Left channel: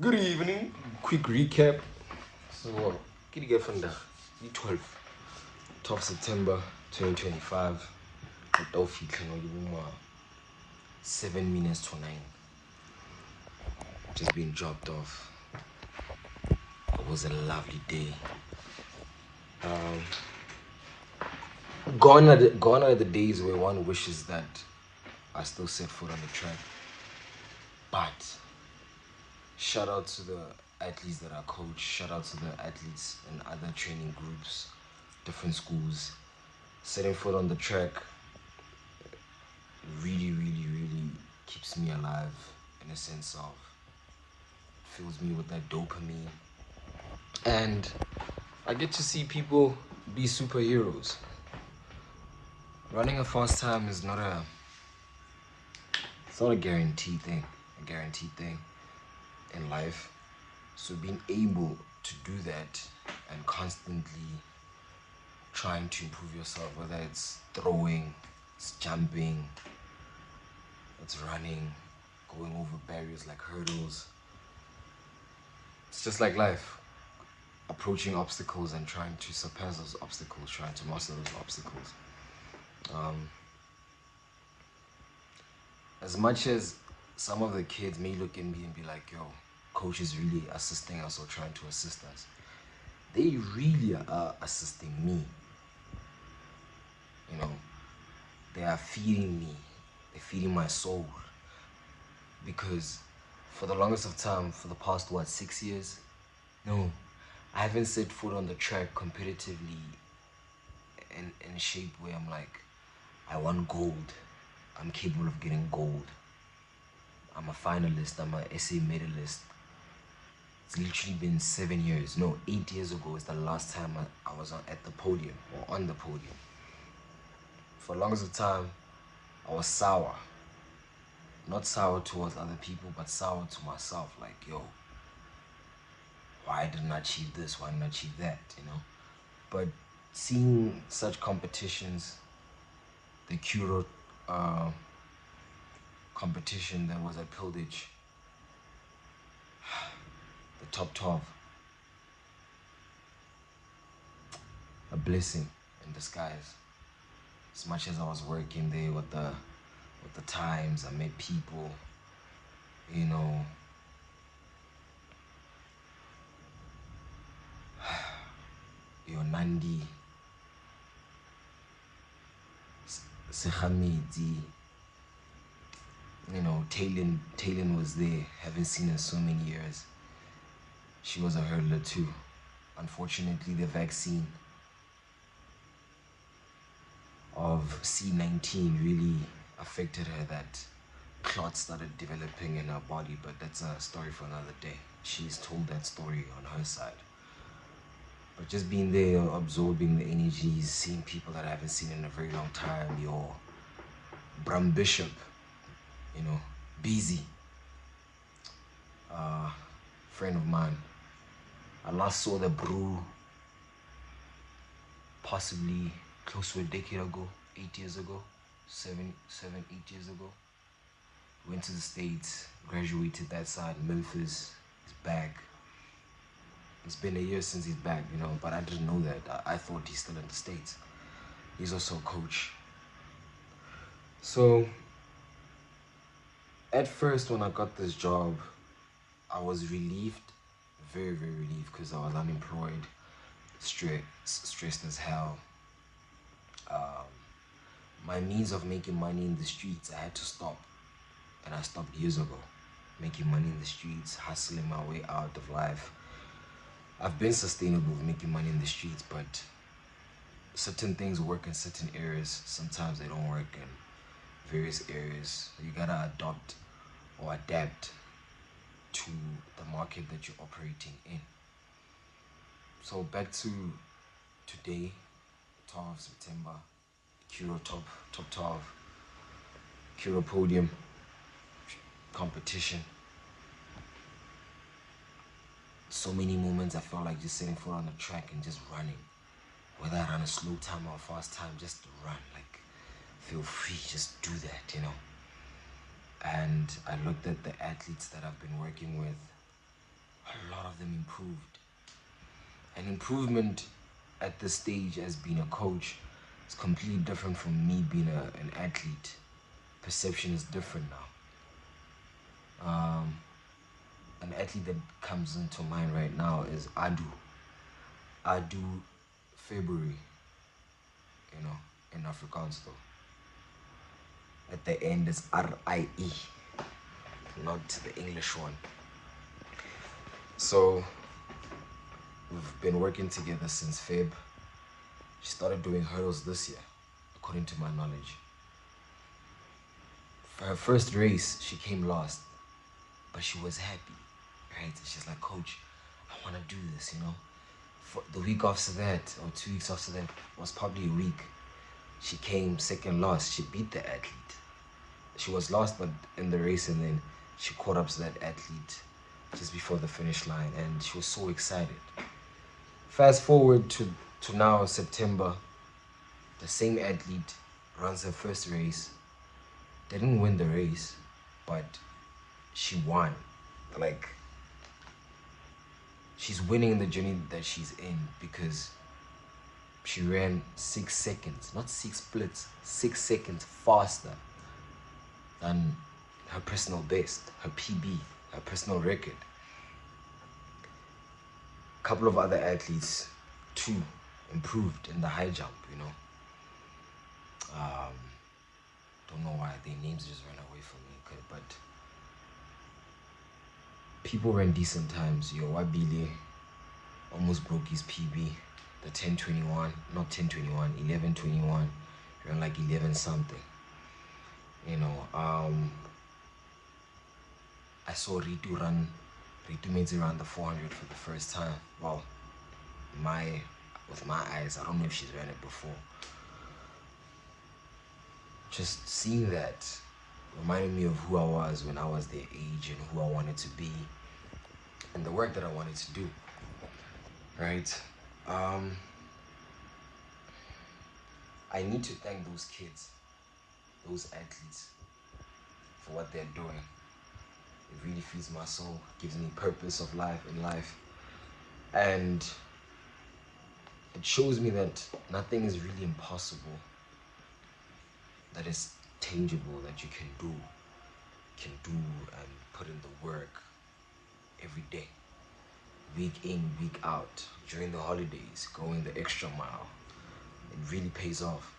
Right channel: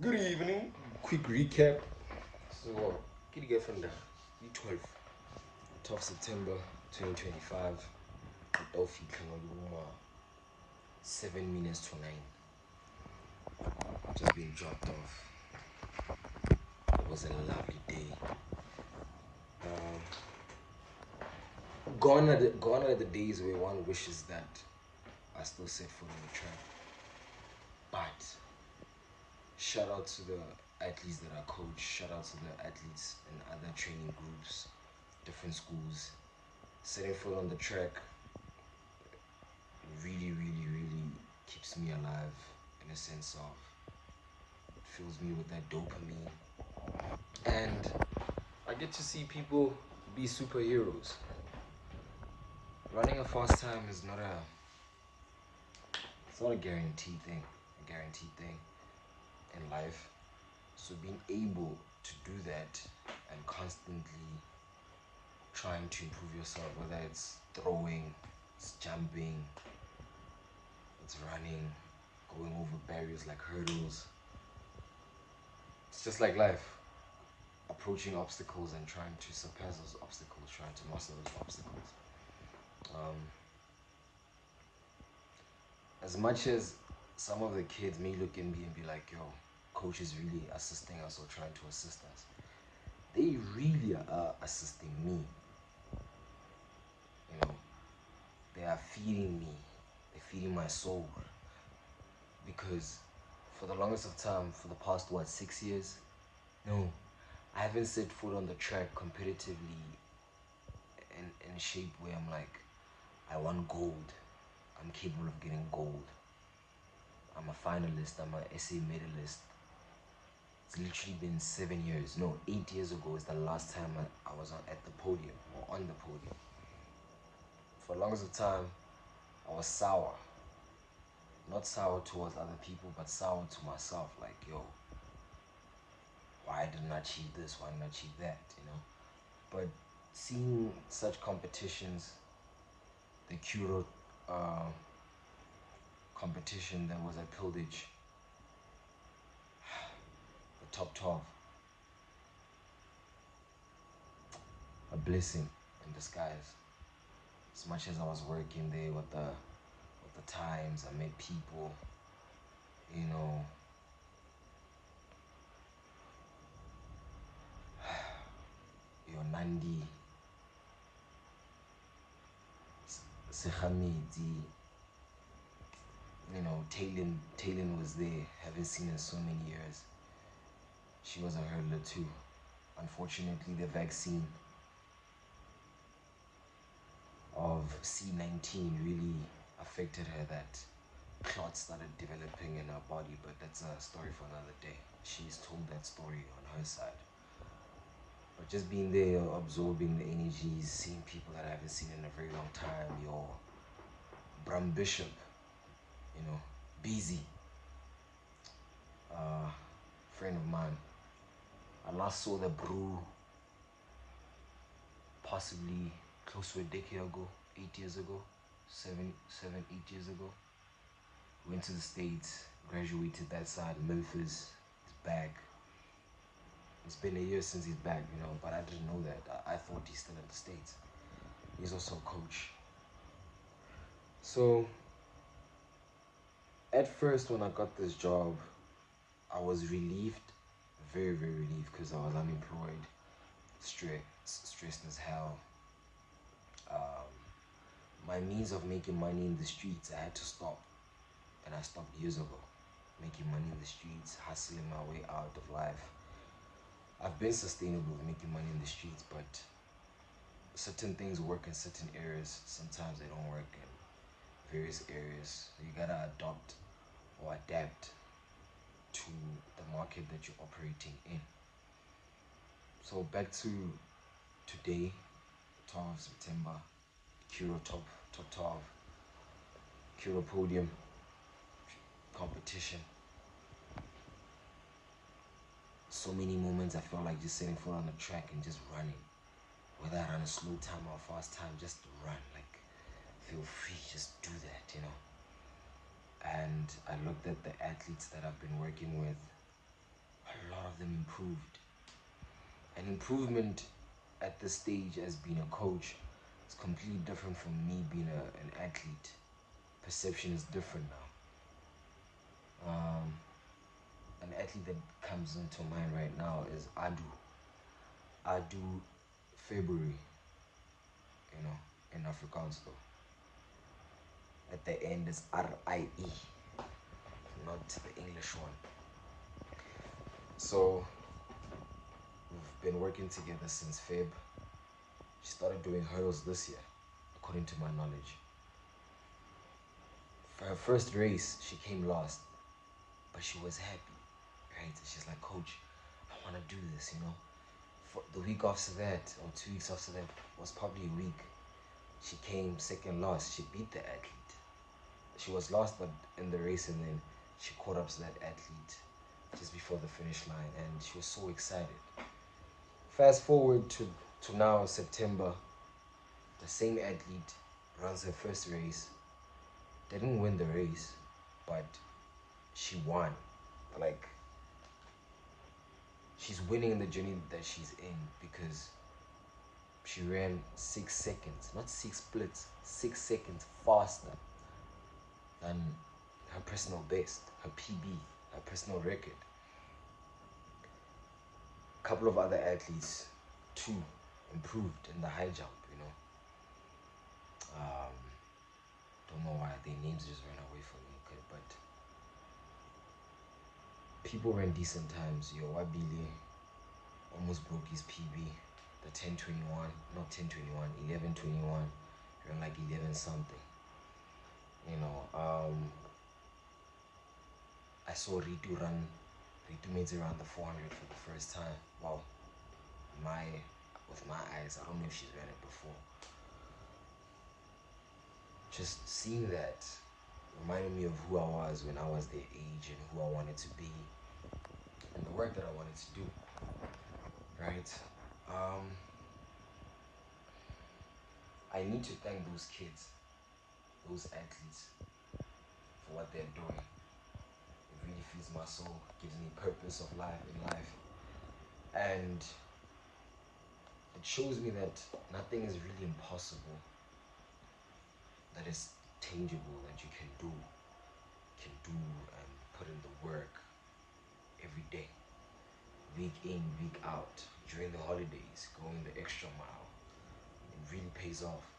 Good evening. Quick recap. So, what did you get from the 12th September 2025? Don't 7 minutes to 9. Just being dropped off. It was a lovely day. Gone are the days where one wishes that I still set foot on the track. But shout out to the athletes that I coach. Shout out to the athletes in other training groups, different schools. Setting foot on the track really keeps me alive in a sense of fills me with that dopamine. And I get to see people be superheroes. Running a fast time is it's not a guaranteed thing. In life. So being able to do that and constantly trying to improve yourself, whether it's throwing, it's jumping, it's running, going over barriers like hurdles. It's just like life. Approaching obstacles and trying to surpass those obstacles, trying to master those obstacles. As much as some of the kids may look at me and be like, yo, coach is really assisting us or trying to assist us, they really are assisting me. You know, they are feeding me, they're feeding my soul. Because for the longest of time, for the past 6 years, no, I haven't set foot on the track competitively in a shape where I'm like, I want gold. I'm capable of getting gold. I'm a finalist. I'm an SA medalist. It's literally been 7 years. No, 8 years ago is the last time I was at the podium or on the podium. For the longest of time, I was sour. Not sour towards other people, but sour to myself. Like, yo, why didn't I achieve this? Why didn't I achieve that? You know? But seeing such competitions, the Curo competition that was at Pildage, the top 12, a blessing in disguise. As much as I was working there with the times, I met people, you know. Yo, Nandi, Sekhamidi, you know, Taylin was there. Haven't seen her in so many years. She was a hurdler too. Unfortunately, the vaccine of C-19 really affected her. That clots started developing in her body, but that's a story for another day. She's told that story on her side. But just being there, absorbing the energies, seeing people that I haven't seen in a very long time, your Bram Bishop, you know, busy, friend of mine. I last saw the brew possibly close to a decade ago, 8 years ago, 8 years ago. Went to the States, graduated that side, Memphis, he's back. It's been a year since he's back, you know, but I didn't know that. I thought he's still in the States. He's also a coach. So, at first when I got this job, I was relieved, very relieved, because I was unemployed, stressed as hell. My means of making money in the streets, I had to stop. And I stopped years ago. Making money in the streets, hustling my way out of life. I've been sustainable with making money in the streets, but certain things work in certain areas. Sometimes they don't work in various areas. So you gotta adopt or adapt to the market that you're operating in. So back to today, 12th September, Curo top 12, Curo podium competition. So many moments I felt like just sitting foot on the track and just running. Whether I run a slow time or a fast time, just run. Like, feel free, just do that, you know. And I looked at the athletes that I've been working with, of them improved. And improvement at this stage as being a coach is completely different from me being an athlete. Perception is different now. An athlete that comes into mind right now is Adu February, in Afrikaans though. At the end is R-I-E, not the English one. So we've been working together since Feb. She started doing hurdles this year, according to my knowledge. For her first race, she came last, but she was happy, right? She's like, coach, I want to do this, For the week after that, or 2 weeks after that, was probably a week, she came second last. She beat the athlete. She was last but in the race, and then she caught up to that athlete just before the finish line, and she was so excited. Fast forward to now, September, the same athlete runs her first race, didn't win the race, but she won. Like, she's winning the journey that she's in because she ran 6 seconds, not 6 splits, 6 seconds faster than her personal best, her PB, her personal record. A couple of other athletes too improved in the high jump, Don't know why their names just ran away from me, but people ran decent times. Wabile almost broke his PB, the 10:21, not 10:21, 11:21, ran like 11 something. I saw Ritu Mezi run the 400 for the first time. Well, with my eyes, I don't know if she's ran it before. Just seeing that reminded me of who I was when I was their age and who I wanted to be and the work that I wanted to do, right? I need to thank those kids, those athletes, for what they're doing. It really feeds my soul, gives me purpose of life in life, and it shows me that nothing is really impossible, that is tangible, that you can do and put in the work every day, week in, week out, during the holidays, going the extra mile. It really pays off.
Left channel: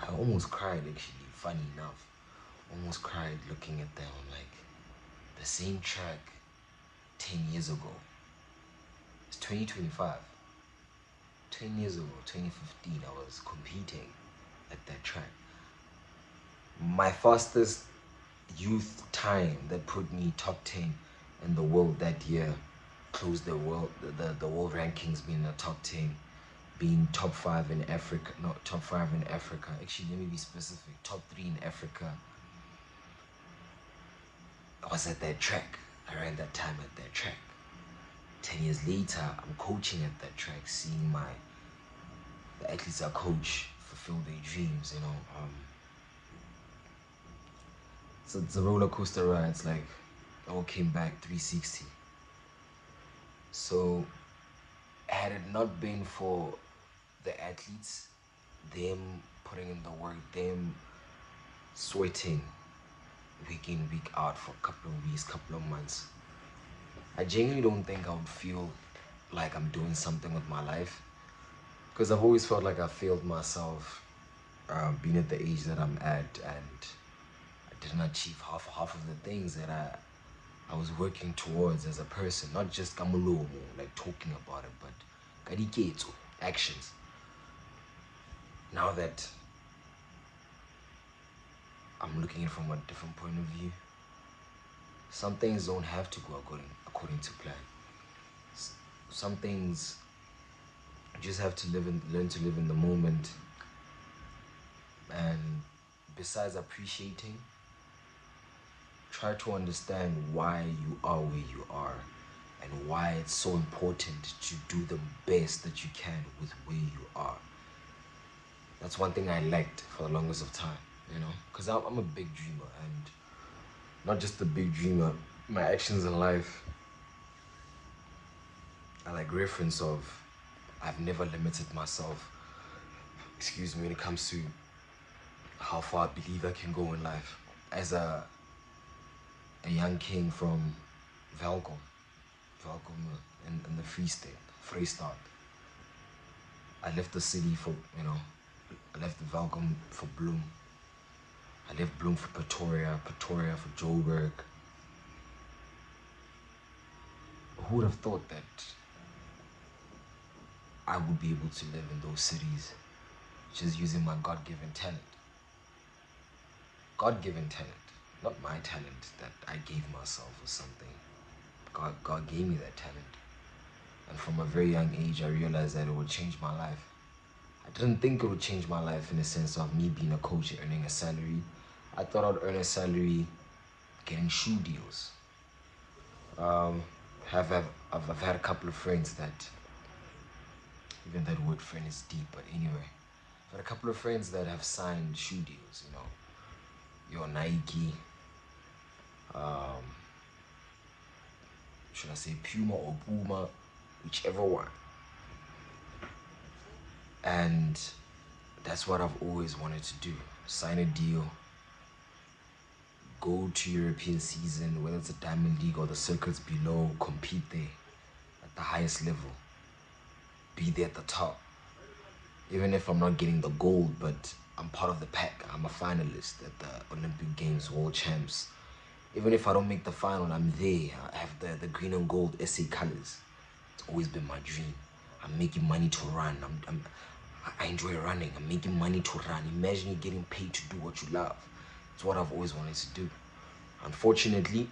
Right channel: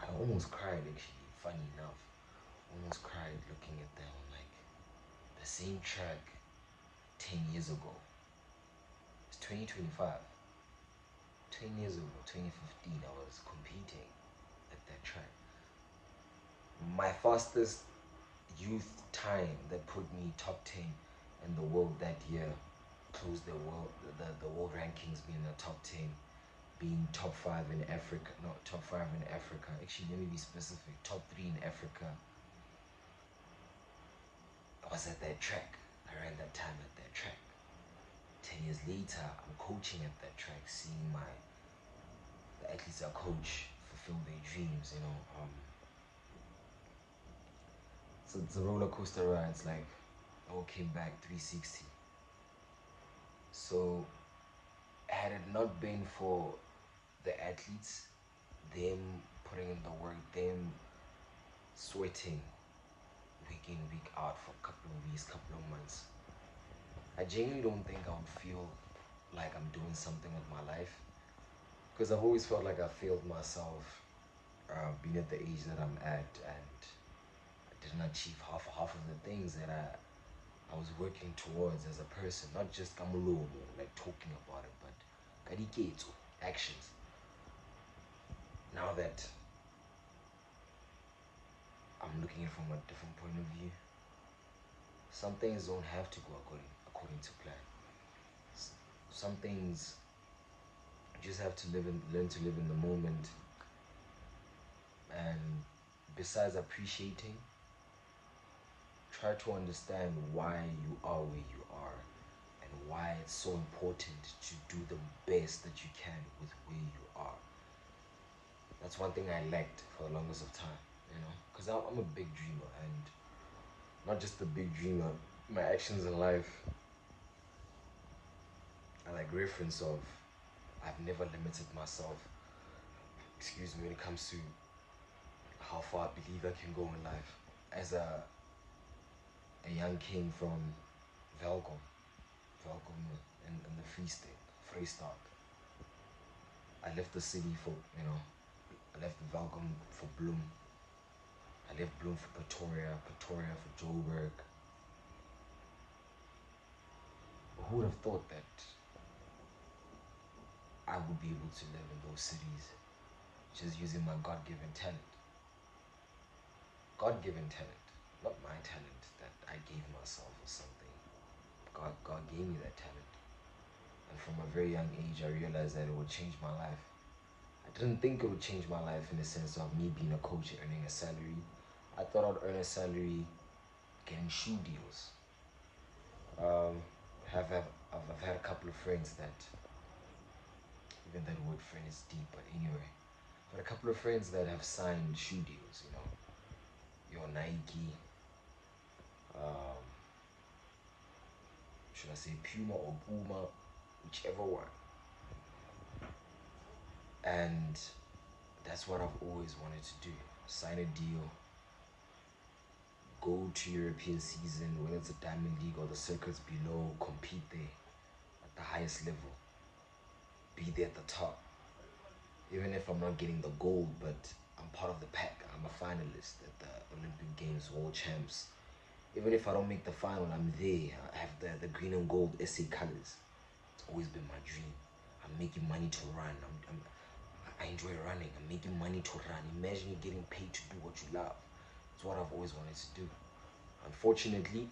I almost cried, actually, funny enough. Almost cried looking at them. I'm like, the same track 10 years ago. It's 2025. 10 years ago, 2015, I was competing at that track. My fastest youth time that put me top 10 in the world that year closed the world rankings, being the top 10, being top 5 in Africa, not top 5 in Africa. Actually, let me be specific, top 3 in Africa. I was at that track. I ran that time at that track. 10 years later, I'm coaching at that track, seeing the athletes I coach fulfill their dreams, So it's a roller coaster ride. It's like it all came back 360. So had it not been for the athletes, them putting in the work, them sweating week in, week out for a couple of weeks, couple of months, I genuinely don't think I would feel like I'm doing something with my life, because I've always felt like I failed myself being at the age that I'm at, and I didn't achieve half of the things that I was working towards as a person, not just kamulomo, like talking about it, but kadiketo, actions. Now that I'm looking at it from a different point of view, some things don't have to go according to plan. Some things you just have to learn to live in the moment. And besides appreciating, try to understand why you are where you are and why it's so important to do the best that you can with where you are. That's one thing I lacked for the longest of time, because I'm a big dreamer, and not just a big dreamer. My actions in life are like reference of I've never limited myself, excuse me, when it comes to how far I believe I can go in life. As a young king from Velkom in the Free State, Freestad. I left the city for, I left Velkom for Bloem. I left Bloem for Pretoria for Joburg. Who would have thought that I would be able to live in those cities just using my God-given talent? God-given talent, not my talent that I gave myself or something. God gave me that talent. And from a very young age, I realized that it would change my life. I didn't think it would change my life in the sense of me being a coach and earning a salary. I thought I'd earn a salary getting shoe deals. I've had a couple of friends that, even that word friend is deep, but anyway, I've had a couple of friends that have signed shoe deals, your Nike, should I say Puma or Puma, whichever one. And that's what I've always wanted to do. Sign a deal, go to European season, whether it's a Diamond League or the circuits below, compete there at the highest level, be there at the top. Even if I'm not getting the gold, but I'm part of the pack. I'm a finalist at the Olympic Games, World Champs. Even if I don't make the final, I'm there. I have the green and gold SA colors. It's always been my dream. I'm making money to run. I enjoy running. I'm making money to run. Imagine you getting paid to do what you love. It's what I've always wanted to do. Unfortunately,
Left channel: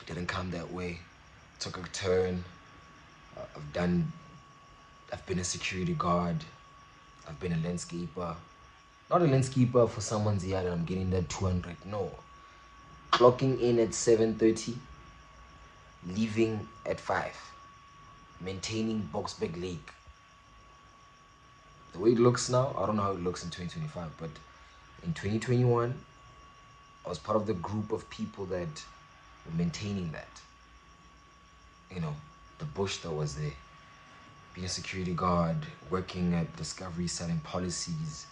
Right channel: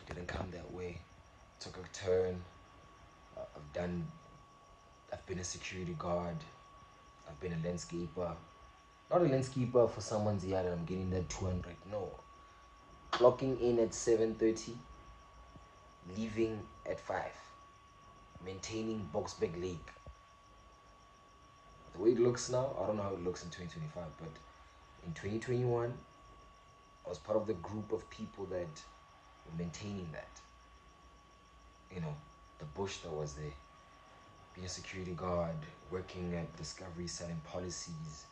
it didn't come that way. It took a turn. I've been a security guard. I've been a landscaper. Not a landscaper for someone's yard and I'm getting that 200. No. Clocking in at 7:30, leaving at 5. Maintaining Boxback Lake. The way it looks now, I don't know how it looks in 2025, but in 2021, I was part of the group of people that were maintaining that. The bush that was there. Being a security guard, working at Discovery, selling policies.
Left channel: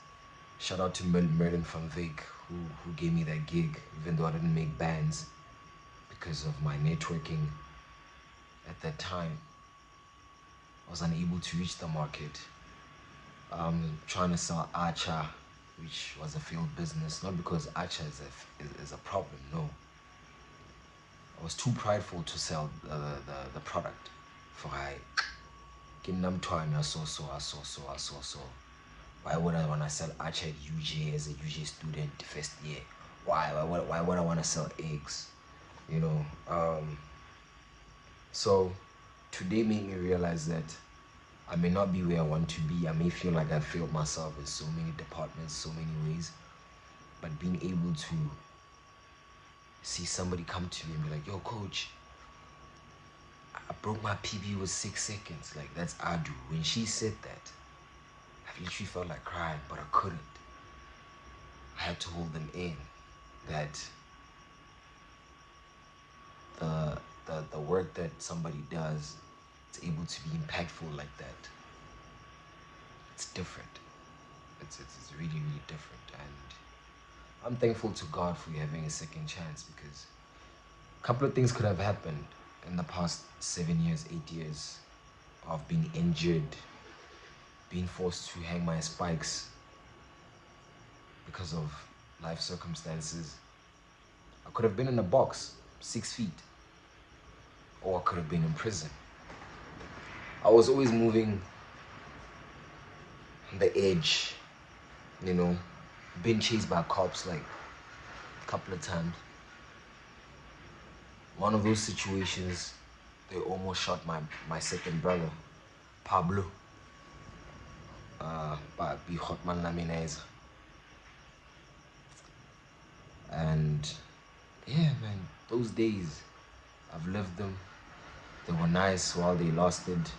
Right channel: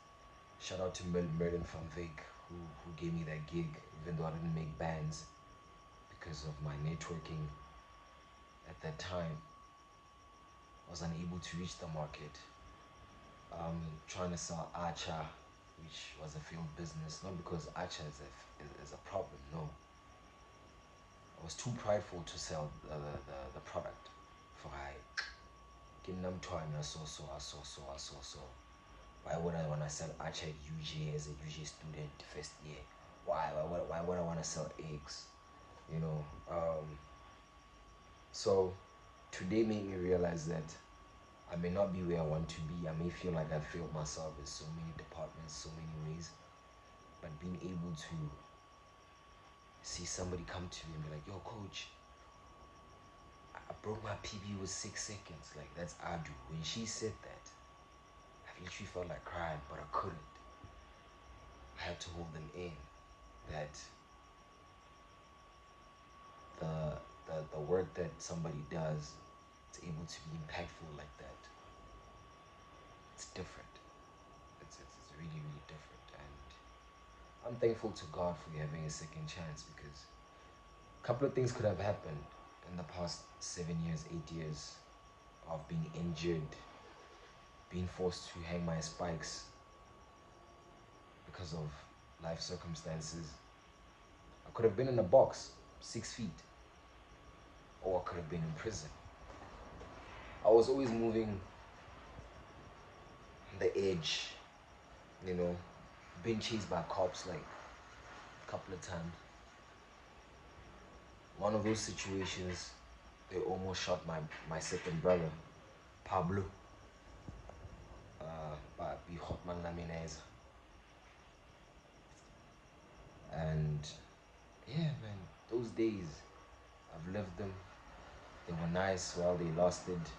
Shout out to Merlin van Wyk, who gave me that gig, even though I didn't make bands because of my networking at that time. I was unable to reach the market. Trying to sell Archer, which was a failed business, not because Archer is a problem, no. I was too prideful to sell the product. For I so. Why would I want to sell Archer at UJ as a UJ student the first year? Why would I want to sell eggs? So today made me realize that I may not be where I want to be. I may feel like I failed myself in so many departments, so many ways. But being able to see somebody come to me and be like, yo, coach, I broke my PB with 6 seconds. Like, that's Adu. When she said that, I literally felt like crying, but I couldn't. I had to hold them in. That the work that somebody does is able to be impactful like that. It's different. It's really, really different. And I'm thankful to God for having a second chance, because a couple of things could have happened in the past 7 years, 8 years of being injured, being forced to hang my spikes because of life circumstances. I could have been in a box, 6 feet, or I could have been in prison. I was always moving on the edge, being chased by cops like a couple of times. One of those situations, they almost shot my second brother, Pablo. And yeah, man, those days, I've lived them. They were nice while they lasted.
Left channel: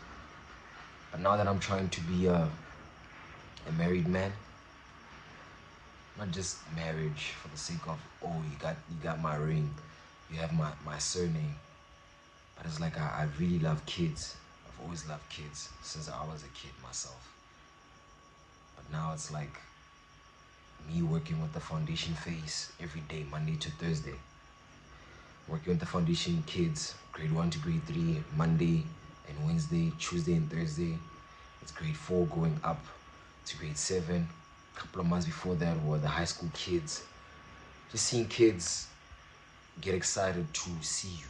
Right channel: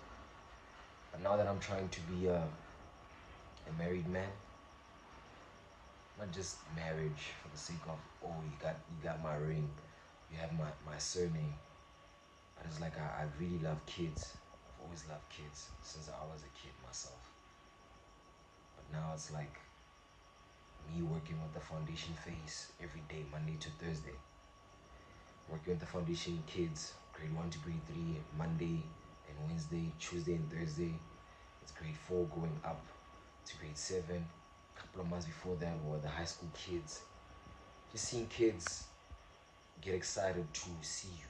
But now that I'm trying to be a married man, not just marriage for the sake of, oh, you got my ring, you have my surname. But it's like I really love kids. I've always loved kids since I was a kid myself. But now it's like me working with the foundation phase every day, Monday to Thursday. Working with the foundation kids, grade 1 to grade 3, Monday and Wednesday, Tuesday and Thursday. It's grade 4 going up to grade 7. A couple of months before that were the high school kids. Just seeing kids get excited to see you.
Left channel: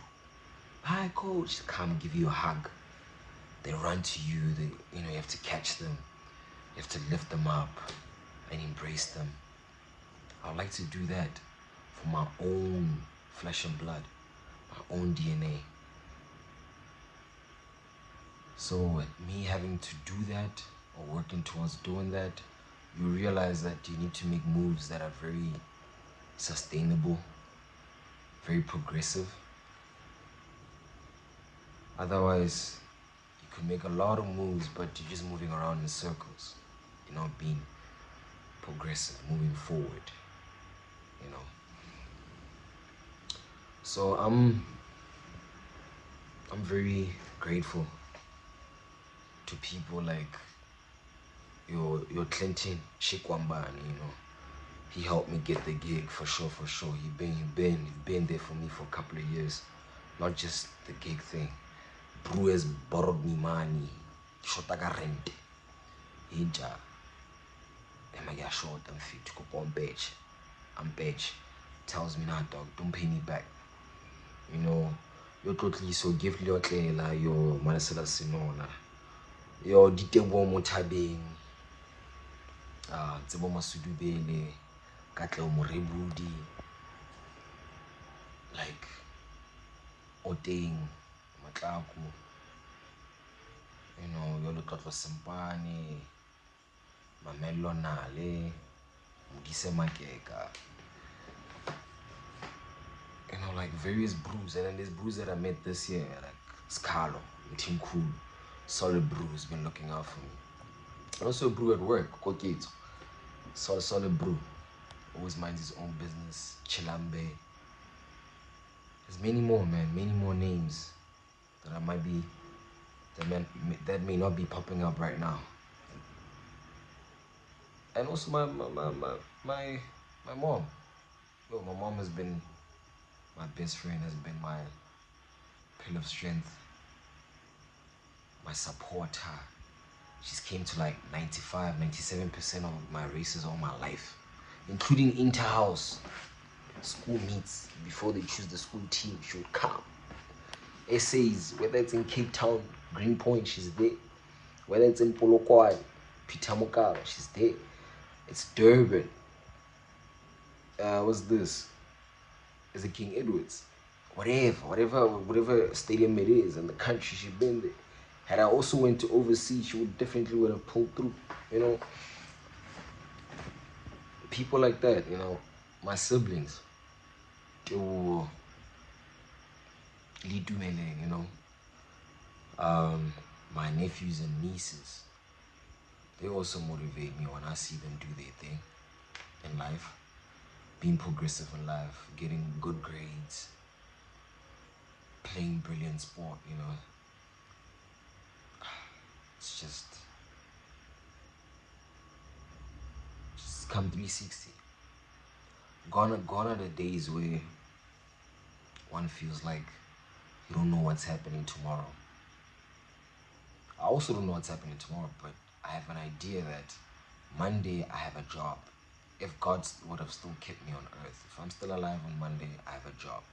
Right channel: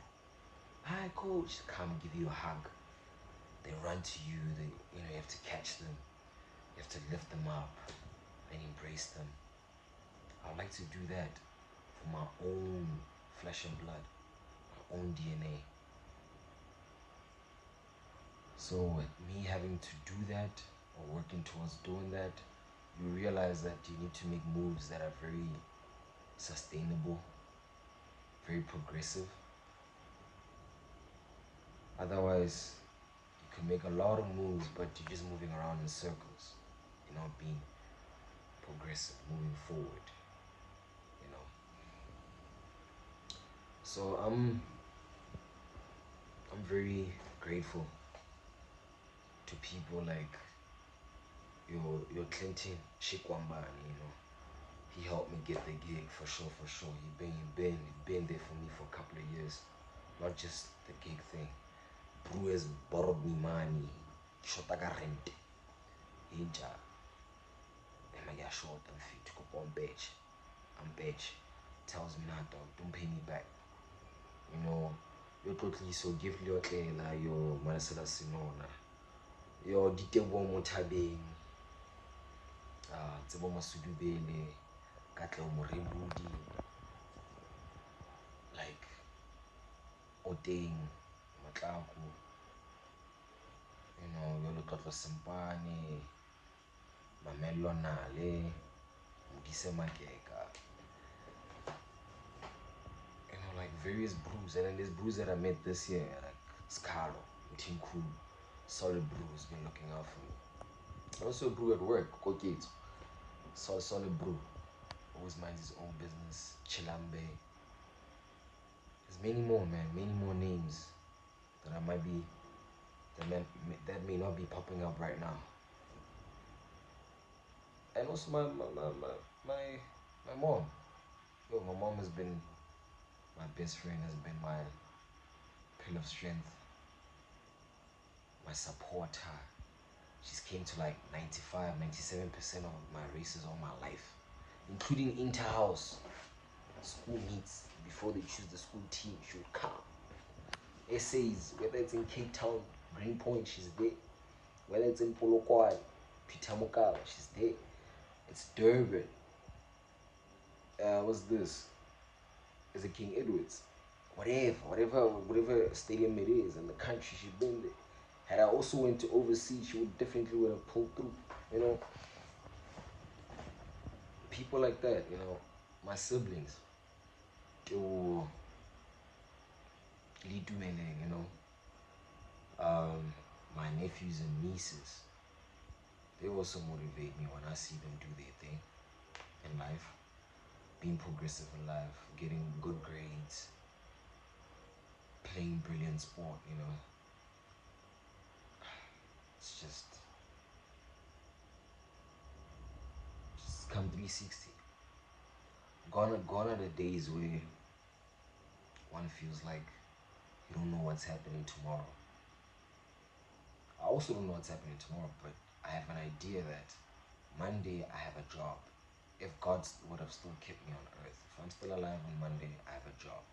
Hi coach, come give you a hug. They run to you, you have to catch them. You have to lift them up and embrace them. I'd like to do that for my own flesh and blood, my own DNA. So me having to do that or working towards doing that, you realize that you need to make moves that are very sustainable, very progressive. Otherwise, you could make a lot of moves, but you're just moving around in circles. You're not being progressive, moving forward, So I'm very grateful to people like your Clinton Shikwambani, He helped me get the gig for sure. You've been there for me for a couple of years. Not just the gig thing. Bro has borrowed me money. Shota ka rent. Ija. Am I short? I'm fit to go on badge. I'm badge. Tells me, nah dog, don't pay me back. Yo totally so give your tlela, yo Maholela Sinona. Yo ditebo mo thabeng. Tsebo masudubele. Katle mo rebudi. Like Oteng, Matlaku. Yo Lotlotlo Simpane, Mamello Nale, Mudise Makeka. Like various brews. And then there's brews that I met this year, like Scalo, Team Cool, Solid Brews, been looking out for me. Also a brew at work, Kokito. Solid brew. Always minds his own business. Chilambe. There's many more, man. Many more names that I might be, that may not be popping up right now. And also my mom. Yo, my mom has been my best friend, has been my pillar of strength, my supporter. She's came to like 95, 97% of my races all my life, including inter-house school meets. Before they choose the school team, she would come. Essays, whether it's in Cape Town, Greenpoint, she's there. Whether it's in Polokwane, Pitamokala, she's there. It's Durban. What's this? Is it King Edwards? Whatever stadium it is in the country, she's been there. Had I also went to overseas, she would have pulled through, People like that, my siblings. To Lidumeleng, my nephews and nieces. They also motivate me when I see them do their thing in life. Being progressive in life, getting good grades, playing brilliant sport, It's just come 360. Gone are the days where one feels like you don't know what's happening tomorrow. I also don't know what's happening tomorrow, but I have an idea that Monday I have a job. If God would have still kept me on earth, if I'm still alive on Monday, I have a job.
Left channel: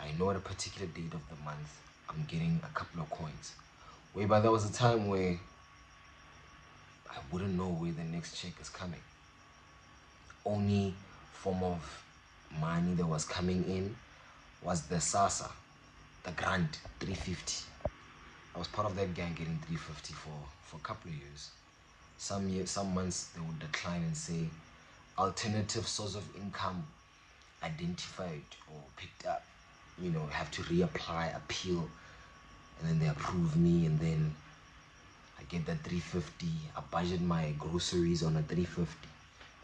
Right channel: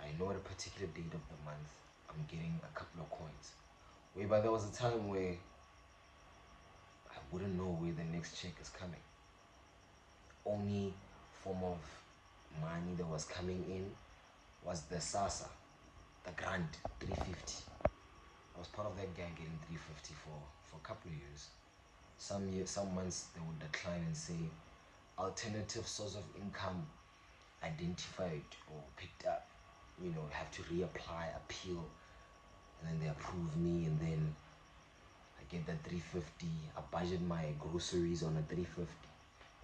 I know at a particular date of the month, I'm getting a couple of coins. Whereby there was a time where I wouldn't know where the next check is coming. Only form of money that was coming in was the SASA, the grant, 350. I was part of that gang getting 350 for a couple of years. Some months they would decline and say, alternative source of income identified or picked up. Have to reapply, appeal, and then they approve me, and then I get that 350. I budget my groceries on a 350,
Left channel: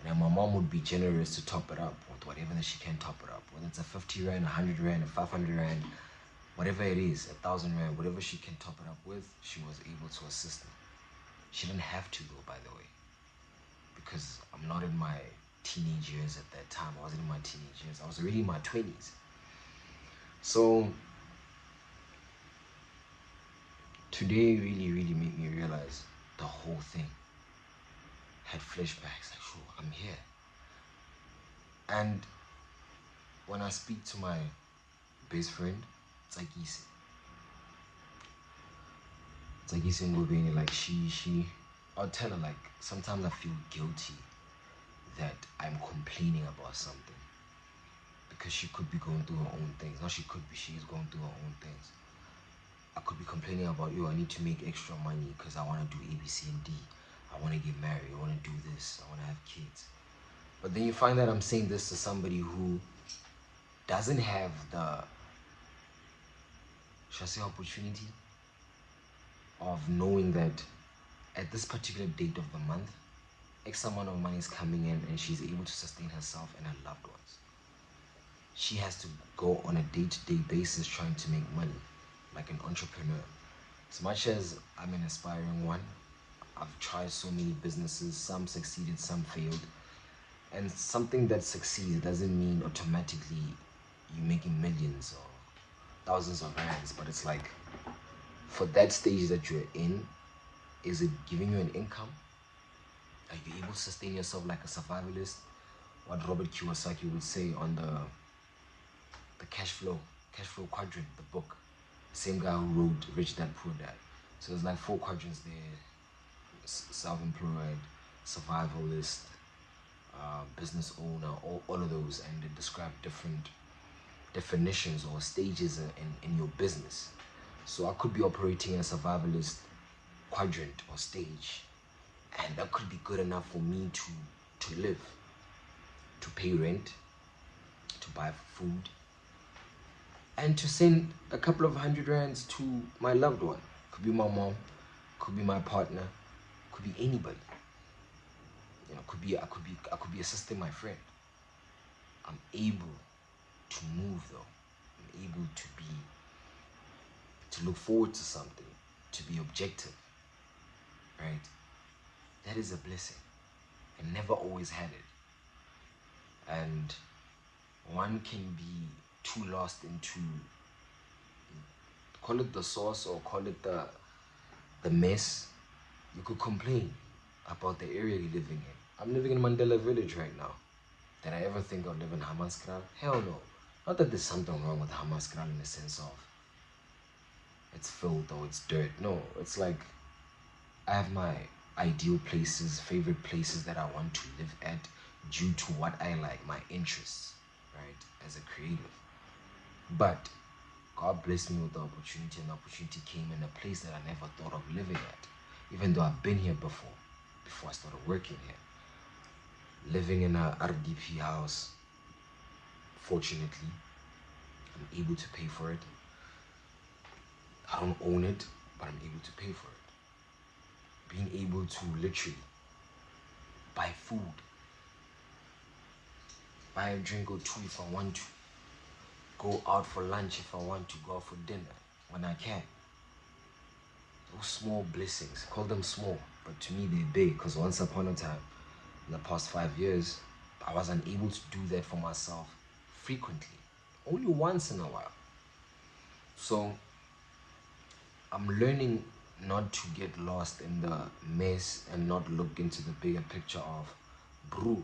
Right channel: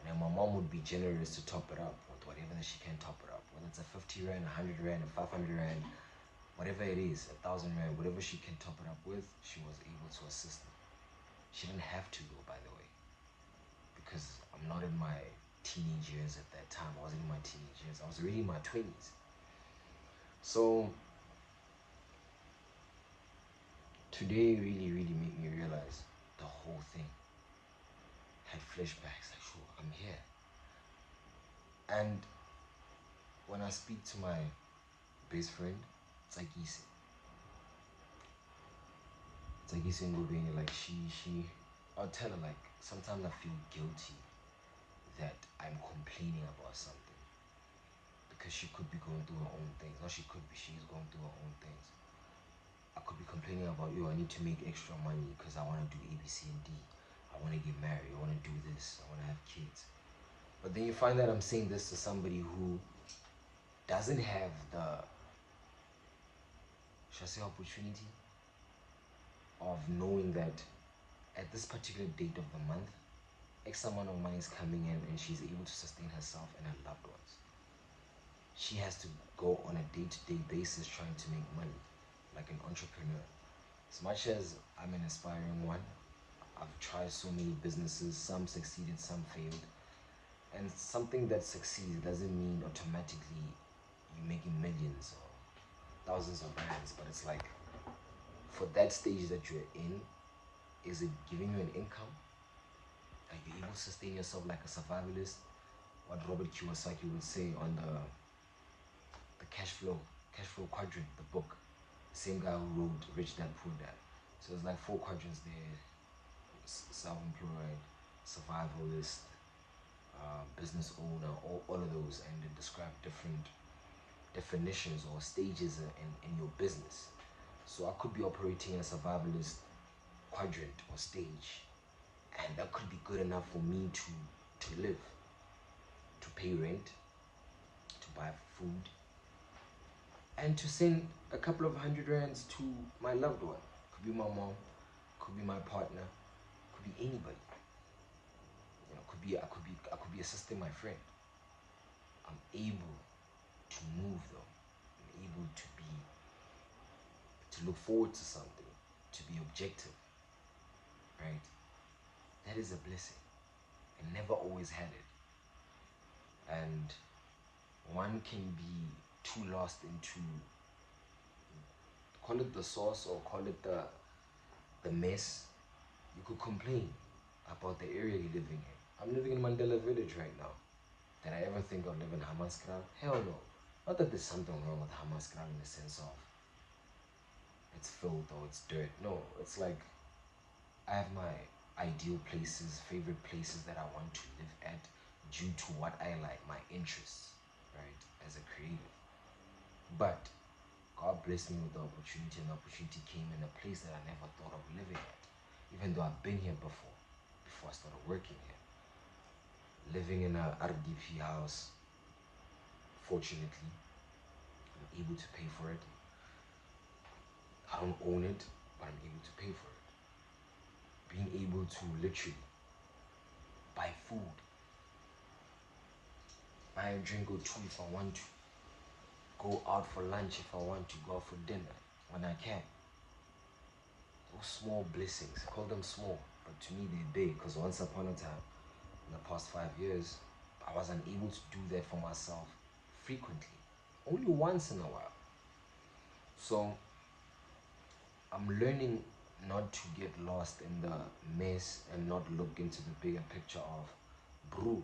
And then my mom would be generous to top it up with whatever that she can top it up. Whether it's a 50 rand, 100 rand, a 500 rand, whatever it is, 1,000 rand, whatever she can top it up with, she was able to assist me. She didn't have to though, by the way, because I'm not in my teenage years at that time. I wasn't in my teenage years. I was already in my 20s. So today really, really made me realize the whole thing. Had flashbacks, like, sure, I'm here. And when I speak to my best friend, it's like Ngobeni, like I'll tell her, like, sometimes I feel guilty that I'm complaining about something, because she could be going through her own things. Not she could be, she is going through her own things. I could be complaining about, yo, I need to make extra money because I want to do A, B, C, and D. I want to get married, I want to do this, I want to have kids. But then you find that I'm saying this to somebody who doesn't have the, should I say, opportunity of knowing that at this particular date of the month, X amount of money is coming in and she's able to sustain herself and her loved ones. She has to go on a day-to-day basis trying to make money, like an entrepreneur. As much as I'm an aspiring one, I've tried so many businesses, some succeeded, some failed. And something that succeeds doesn't mean automatically you're making millions or thousands of rands, but it's like, for that stage that you're in, is it giving you an income? Are you able to sustain yourself like a survivalist? What Robert Kiyosaki would say on the cash flow quadrant, the book. The same guy who wrote Rich Dad Poor Dad. So there's like 4 quadrants there: self-employed, survivalist, business owner, all of those, and they describe different definitions or stages in your business. So I could be operating in a survivalist quadrant or stage, and that could be good enough for me to live, to pay rent, to buy food, and to send a couple of 100 rands to my loved one. Could be my mom, could be my partner, could be anybody. You know, I could be assisting my friend. I'm able to move though. I'm able to look forward to something, to be objective, right? That is a blessing. I never always had it. And one can be too lost into, call it the sauce or call it the mess. You could complain about the area you're living in. I'm living in Mandela Village right now. Did I ever think I'd live in Hammanskraal? Hell no. Not that there's something wrong with Hammanskraal in the sense of it's filth or it's dirt. No, it's like I have my ideal places, favorite places that I want to live at due to what I like, my interests, right, as a creative. But God blessed me with the opportunity, and the opportunity came in a place that I never thought of living at, even though I've been here before I started working here. Living in a RDP house, fortunately, I'm able to pay for it. I don't own it, but I'm able to pay for it. Being able to literally buy food, buy a drink or two if I want to, go out for lunch if I want to, go out for dinner when I can. Those small blessings, call them small, but to me they're big, because once upon a time, in the past 5 years, I was unable to do that for myself frequently, only once in a while. So I'm learning not to get lost in the mess and not look into the bigger picture of, bro,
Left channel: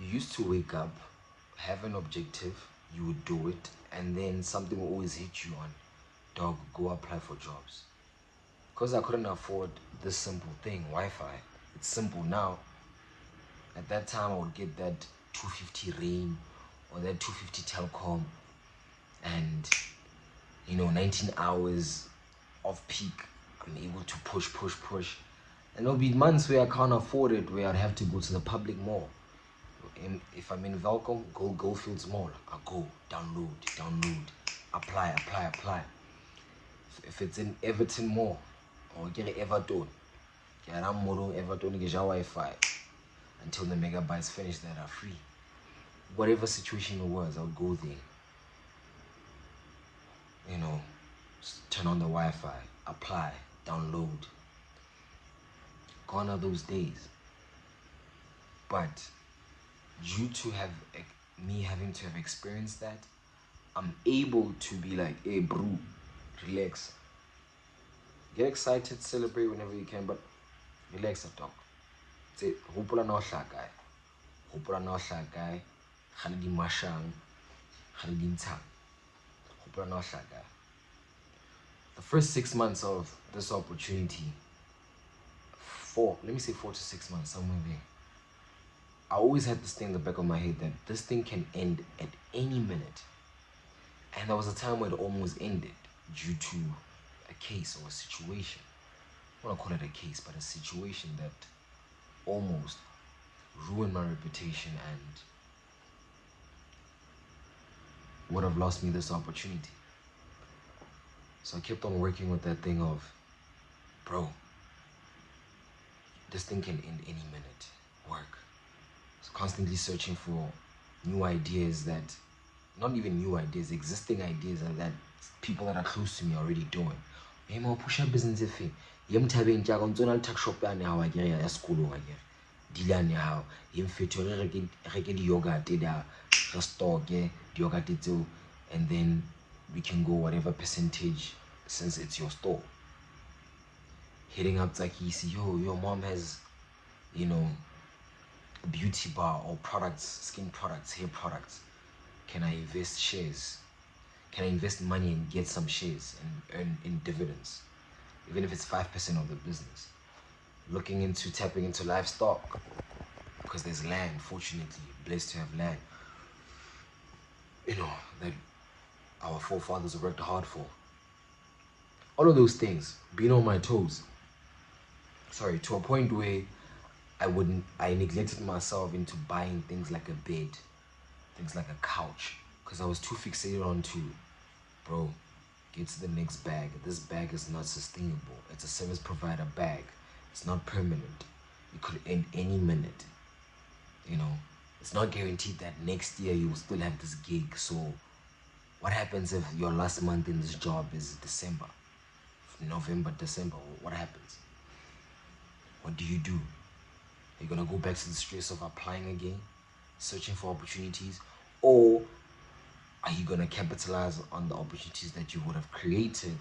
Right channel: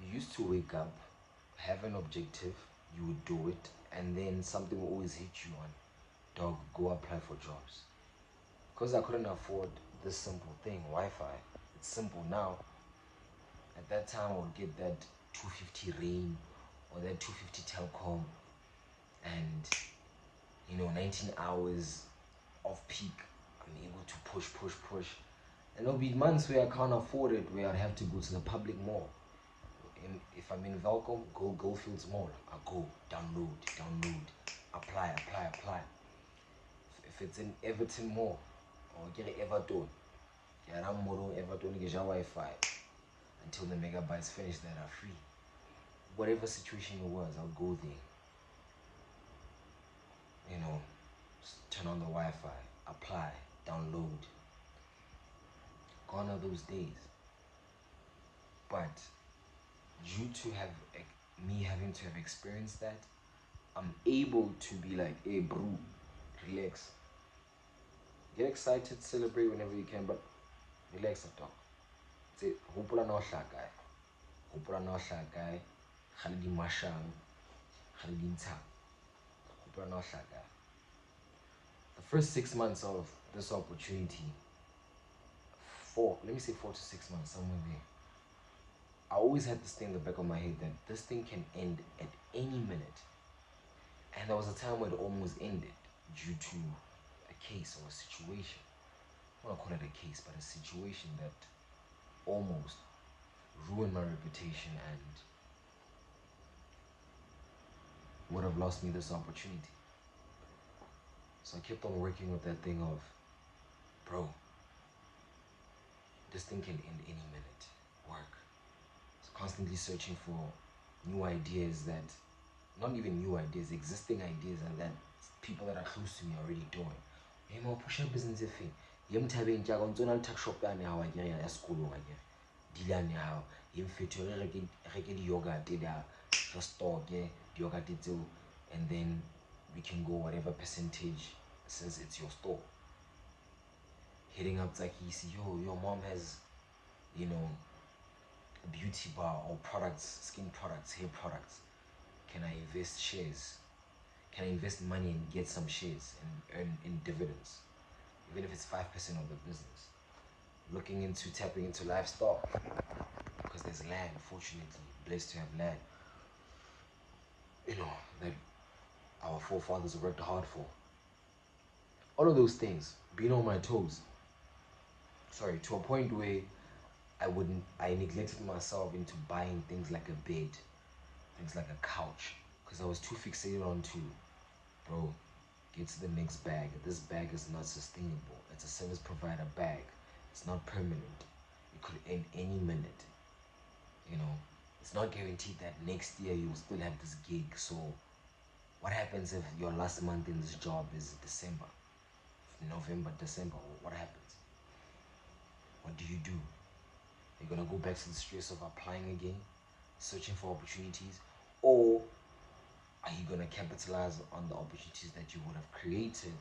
you used to wake up, have an objective, you would do it, and then something will always hit you on, dog, go apply for jobs. Because I couldn't afford this simple thing, Wi-Fi. It's simple now. At that time, I would get that 250 rain or that 250 telecom, and 19 hours of peak. I'm able to push, and there'll be months where I can't afford it, where I'd have to go to the public mall. If I'm in Velcom, go Goldfields Mall. I go download, apply. If it's in Everton Mall or get Everton, get Everton, get Wi-Fi. until the megabytes finish that are free. Whatever situation it was, I would go there. You know, turn on the Wi-Fi, apply, download. Gone are those days. But due to me having to have experienced that, I'm able to be like, hey bro, relax. Get excited, celebrate whenever you can, but relax and talk. Say, hopola na ohla kae. Hopola na ohla kae. Khale di mashang. Khale di ntshang. Hopola na ohla kae. The first 6 months of this opportunity, let me say 4 to 6 months, somewhere there, I always had this thing in the back of my head that this thing can end at any minute. And there was a time where it almost ended due to a case or a situation. I don't want to call it a case, but a situation that almost ruined my reputation and would have lost me this opportunity. So I kept on working with that thing of, bro, this thing can end any minute. Work. So constantly searching for new ideas that, not even new ideas, existing ideas that people that are close to me are already doing. Hey, ma push up business if yem thabeng tja go ntsona tuck shop ya ne ha wa ke ya sekolo ga ke dila ne ha yem fetho re ke di yogurt da stock di yogurt tseo, and then we can go whatever percentage since it's your store. Hitting up Tsakisi, yo, your mom has, you know, a beauty bar or products, skin products, hair products. Can I invest shares? Can I invest money and get some shares and earn in dividends? Even if it's 5% of the business. Looking into tapping into livestock, because there's land, fortunately, blessed to have land, you know, that our forefathers worked hard for. All of those things, being on my toes. Sorry, to a point where I neglected myself into buying things like a bed, things like a couch, because I was too fixated onto, bro, get to the next bag. This bag is not sustainable. It's a service provider bag. It's not permanent. It could end any minute. You know, it's not guaranteed that next year you will still have this gig. So what happens if your last month in this job is December? November, December, what happens? What do you do? Are you gonna go back to the stress of applying again, searching for opportunities? Or are you gonna capitalize on the opportunities that you would have created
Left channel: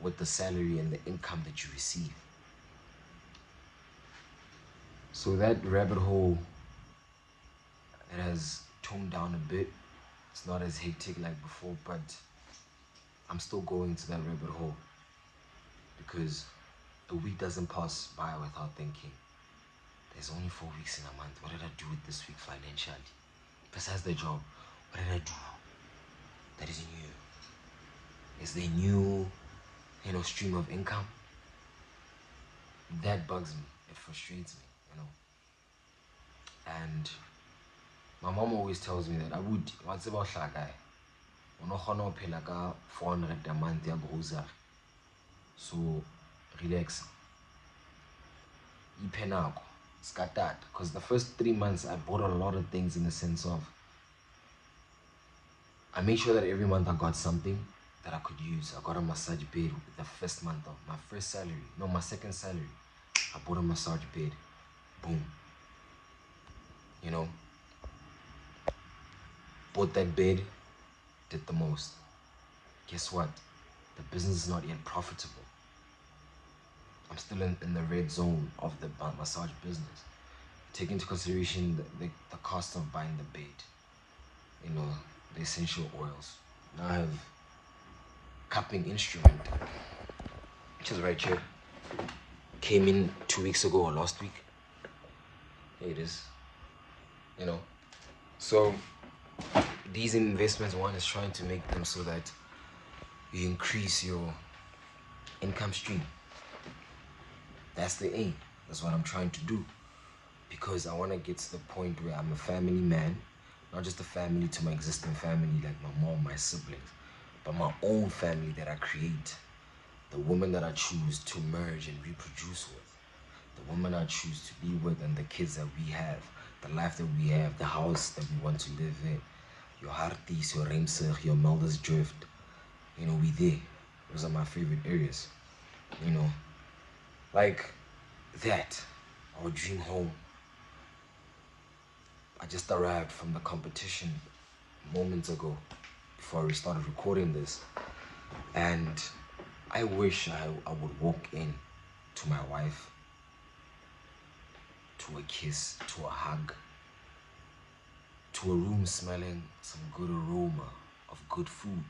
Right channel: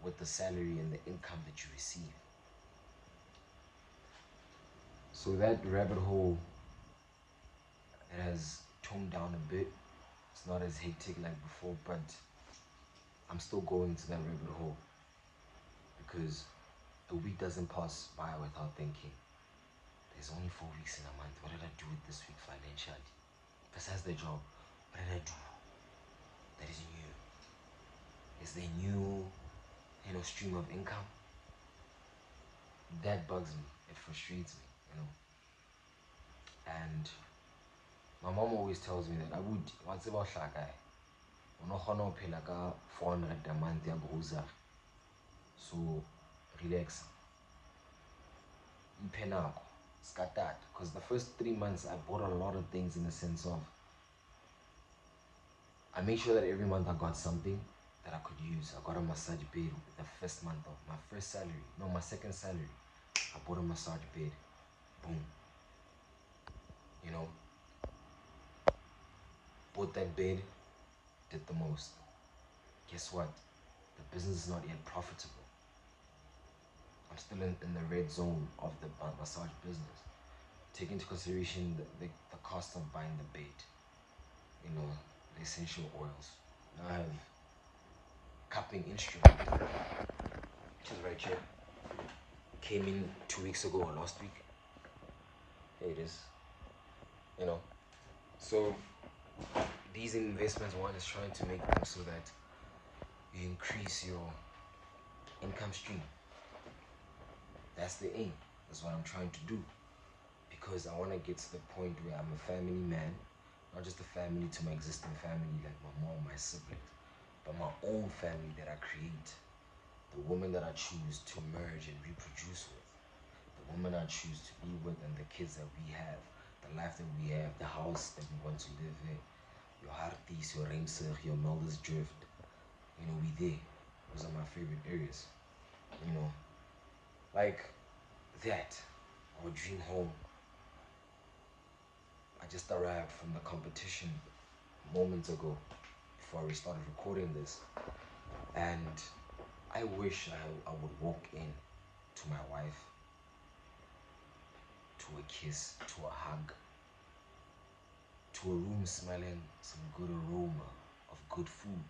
with the salary and the income that you receive? So that rabbit hole, it has toned down a bit. It's not as hectic like before, but I'm still going to that rabbit hole because a week doesn't pass by without thinking, there's only 4 weeks in a month. What did I do with this week financially? Besides the job, what did I do that is new? Is there new, you know, stream of income? That bugs me. It frustrates me, you know. And my mom always tells me that I would, what's about guy? Uno pay like 400 a month ya grocery. So relax. Ipenako. Got that. Because the first 3 months I bought a lot of things in the sense of I made sure that every month I got something that I could use. I got a massage bed the first month of my first salary. No, my second salary. I bought a massage bed. Boom. You know, bought that bed, did the most. Guess what? The business is not yet profitable. I'm still in the red zone of the massage business. Take into consideration the cost of buying the bed, you know, the essential oils. Now I have cupping instrument, which is right here. Came in 2 weeks ago or last week. Here it is. You know, so these investments, one is trying to make them so that you increase your income stream. That's the aim. That's what I'm trying to do, because I want to get to the point where I'm a family man, not just a family to my existing family like my mom, my siblings, but my own family that I create, the woman that I choose to merge and reproduce with, the woman I choose to be with, and the kids that we have, the life that we have, the house that we want to live in, your Harties, your Remsig, your Melders Drift, you know, we there. Those are my favorite areas, you know, like that, our dream home. I just arrived from the competition moments ago before we started recording this, and I wish I would walk in to my wife, to a kiss, to a hug, to a room smelling some good aroma of good food,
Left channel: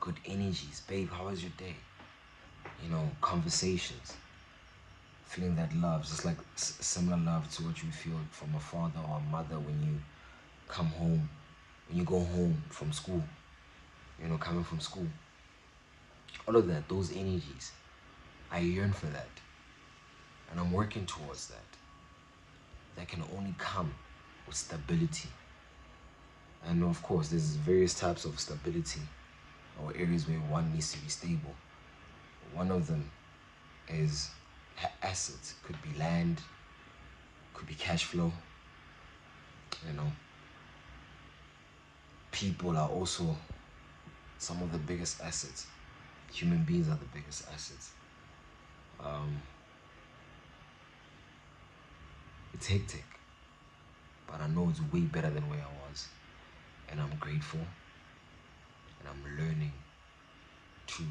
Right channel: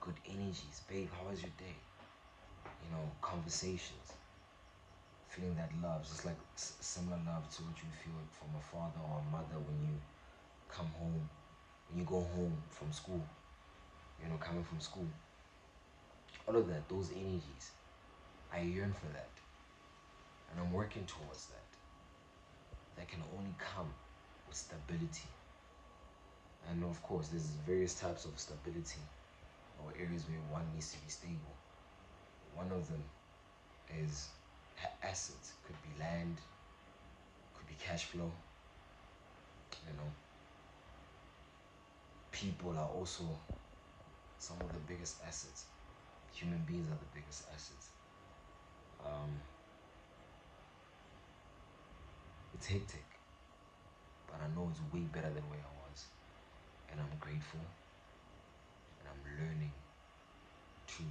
good energies. Babe, how was your day? You know, conversations, feeling that love, just like similar love to what you feel from a father or a mother when you come home, when you go home from school, you know, coming from school. All of that, those energies, I yearn for that, and I'm working towards that. That can only come with stability. And of course, there's various types of stability or areas where one needs to be stable. One of them is assets. Could be land, could be cash flow, you know. People are also some of the biggest assets. Human beings are the biggest assets. It's hectic, but I know it's way better than where I was. And I'm grateful, and I'm learning to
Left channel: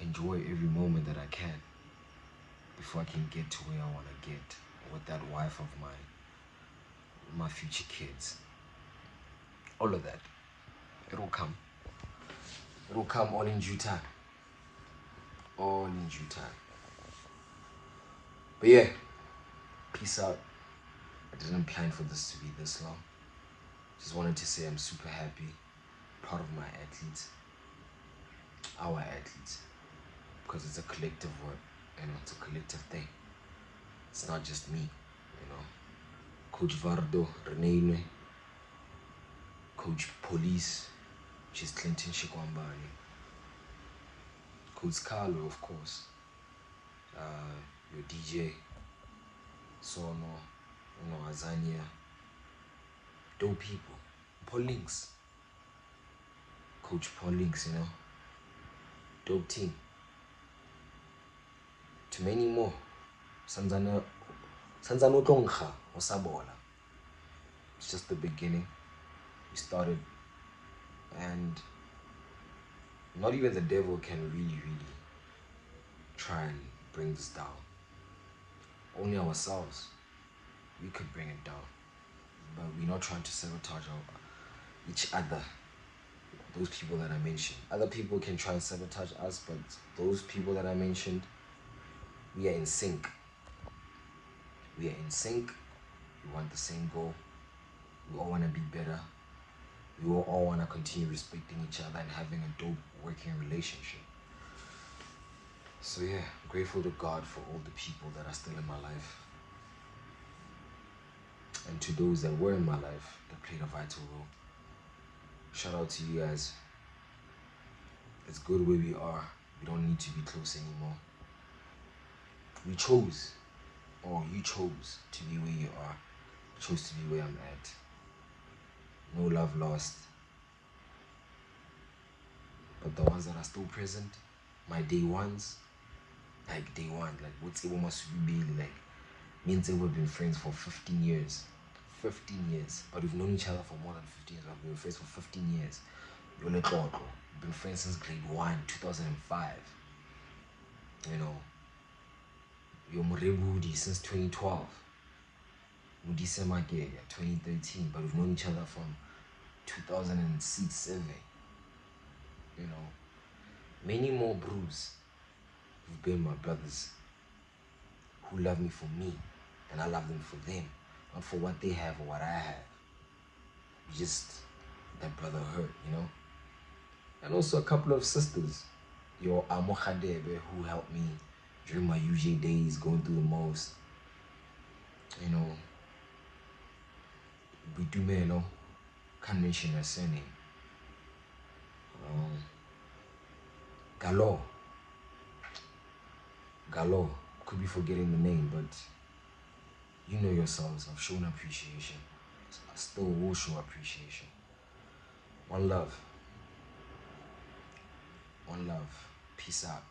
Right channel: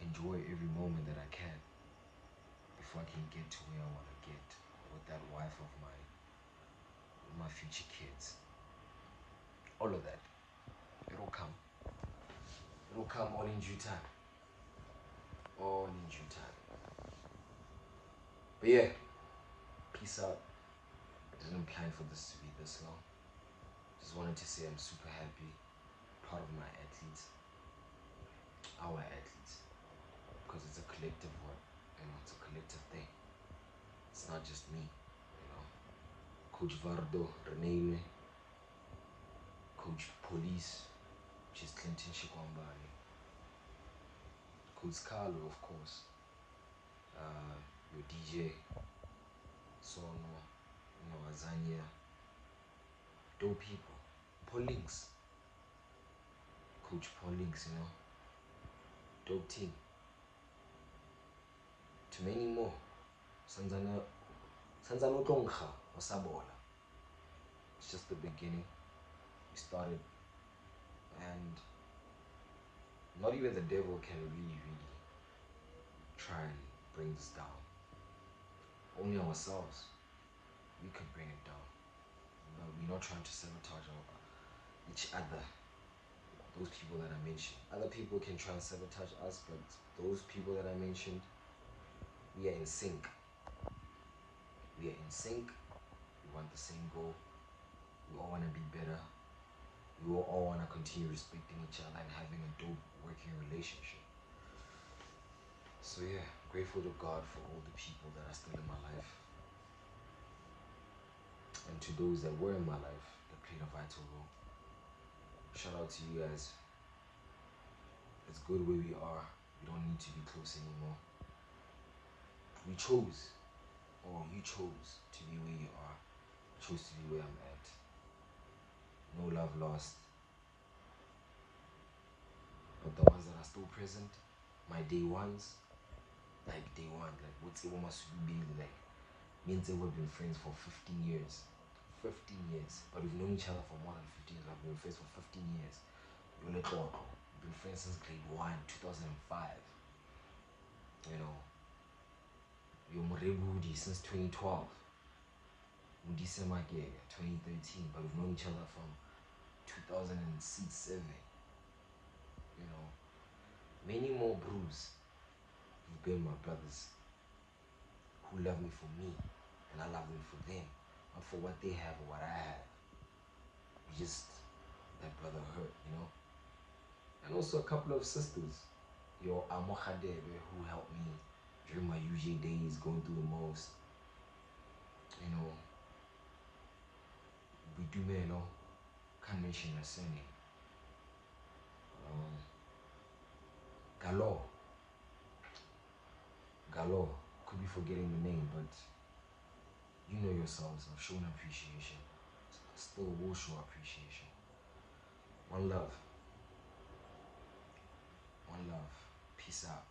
enjoy every moment that I can before I can get to where I want to get with that wife of my future kids. All of that, it'll come. It'll come all in due time. All in due time. But yeah, peace out. I didn't plan for this to be this long. Just wanted to say I'm super happy, proud of my athletes, our athletes, because it's a collective work, you know, it's a collective thing. It's not just me, you know. Coach Vardo, Renee, Coach Police, which is Clinton Shikwambani, Coach Carlo, of course, your DJ, Sono, you know, Azania, dope people, Paul Links, Coach Paul Links, you know, dope team, to many more, Sanzano Tongha, Osabola. It's just the beginning. We started, and not even the devil can really try and bring this down. Only ourselves, we could bring it down. But we're not trying to sabotage each other. Those people that I mentioned. Other people can try and sabotage us, but those people that I mentioned, we are in sync. We are in sync. We want the same goal. We all want to be better. We all want to continue respecting each other and having a dope working relationship. So yeah, I'm grateful to God for all the people that are still in my life. And to those that were in my life that played a vital role. Shout out to you guys. It's good where we are. We don't need to be close anymore. We chose, or you chose to be where you are. I chose to be where I'm at. No love lost. But the ones that are still present, my day ones, like day one, like Wat3r must be like, me and Wat3r have been friends for 15 years. 15 years. But we've known each other for more than 15 years. We've been friends for 15 years. We've been friends since grade 1, 2005. You know, you're Morebudi since 2012. Mudise Magega, 2013. But we've known each other from 2006, 7. You know, many more bros who've been my brothers, who love me for me, and I love them for them, not for what they have or what I have. Just that brotherhood, you know. And also a couple of sisters, your Amokhadebe, who helped me during my UJ days, going through the most. You know, we do, man, you know, can't mention her surname. Galo, Galo, could be forgetting the name, but you know yourselves. I've shown appreciation. I still will show appreciation. One love. One love. Peace out.